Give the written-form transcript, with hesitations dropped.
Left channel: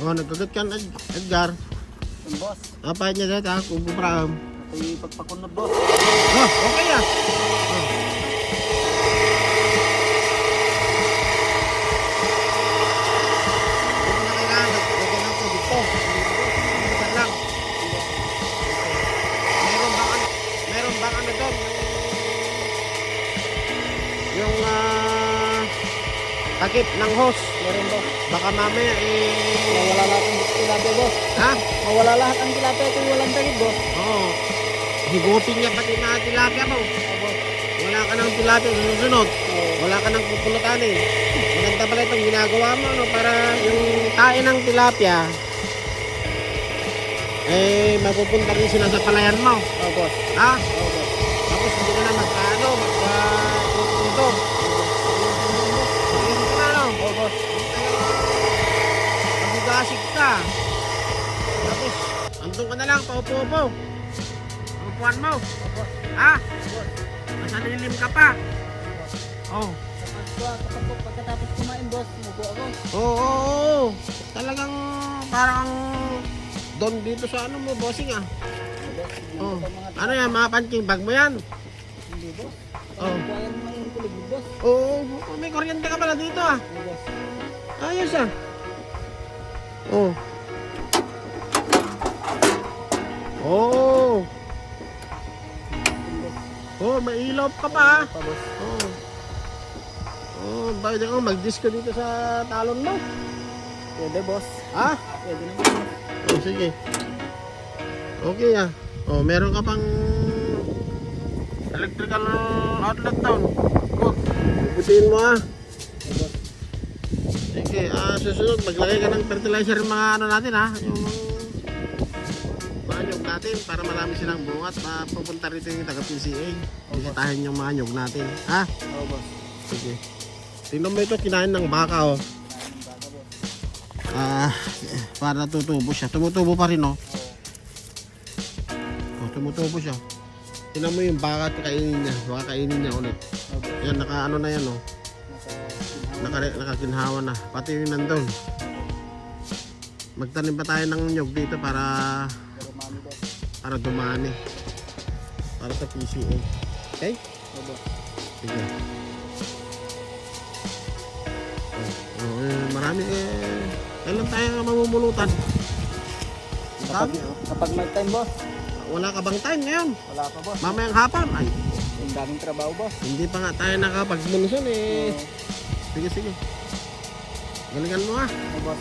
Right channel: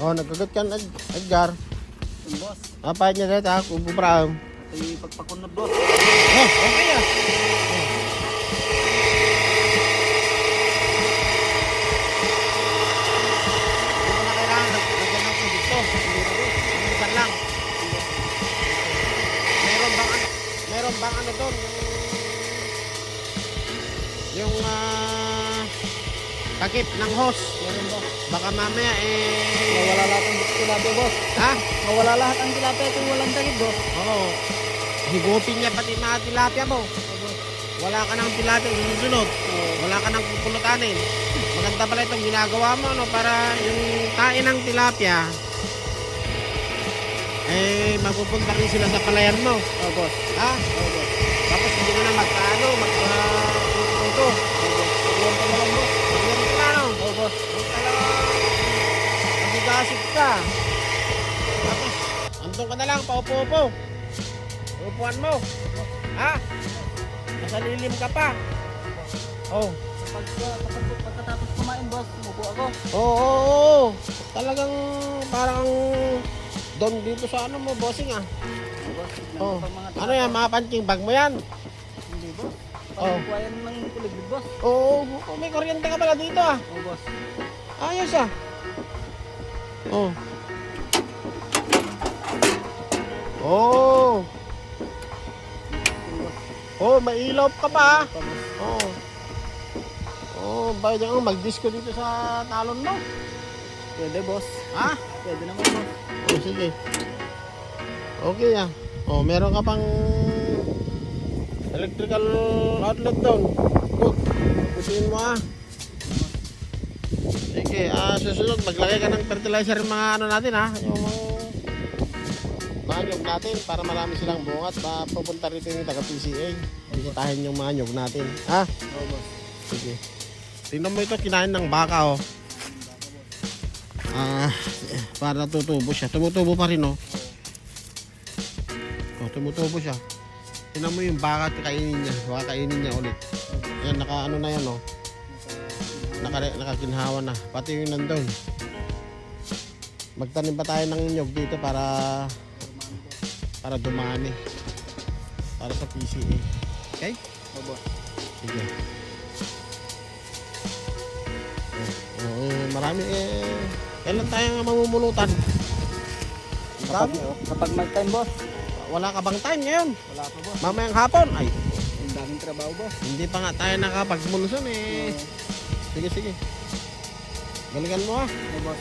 Oh, nagkagat ka Edgar. Yung boss. Napahit niya dito ha, Kubo Brown. Ito'y pagpakunod boss. Oh, okay ah. Meron ba ano doon? Yung takip ng hose. Meron ba? Baka mamaya Mawala lahat ang tilapia boss. ha? Mawala lahat ang tilapia kung walang takip boss. Oo. Higutin niya pati mga tilapia mo. Boss. Wala ka ng tilapia susunod. Wala ka ng pupulutanin. Maganda pala itong ginagawa mo no, para yung tain ng tilapia mapupunta rin sila sa palayan mo. Boss. Ha? Boss. Tapos hindi ko na magkano, magkakunto. Boss. Magigasip ka. Tapos, andun ka na lang, paupo-upo. Upuan mo. Ha? Nasa lilim ka pa. Oh. Pagkatapos kumain boss, umupo ako. Oo. Talagang parang doon dito sa ano mo, bossing ah. Boss. Oh. Ano yan, mga punching bag mo yan? Hindi boss. Oh. Kaya naman yung tulog boss. Oo, may kuryente ka pala dito ah. Boss. Ayos ah. Oh. Oh. Oh, mailaw ka pa ah. Boss. Oh. Oh, bayad ako mag-disco dito sa talon mo. Pwede boss. Ha? Pwede naman. Oh, sige. Okay ah. Oh, meron ka pang electrical outlet doon. Good. Bubutin mo ah. Sige, susunod maglagay ka ng fertilizer mga ano natin ha. Yung mga nyog natin para marami silang bunga at pupunta rito yung taga-PCA. Bigatahin yung mga nyog natin. Ha? Oo boss. Sige. Tingnan mo ito, kinain ng baka oh. Para tutubo siya. Tumutubo pa rin oh. Oh, tumutubo siya. Tingnan mo yung baka, kainin niya. Baka kainin niya ulit. Yan, naka ano na yan oh. Nakakinhawa na. Pati yung nandun. Magtanim pa tayo ng nyog dito para dumani. Para sa PCA. Okay? Oo boss. Sige. Marami kailan tayo mamumulutan? Kapag may time boss. Wala ka bang time ngayon? Wala pa boss. Mamayang hapon? Ay, Ang daming trabaho boss. hindi pa nga tayo nakapagmulusan eh. Sige, sige. Galingan mo ah. Oo boss.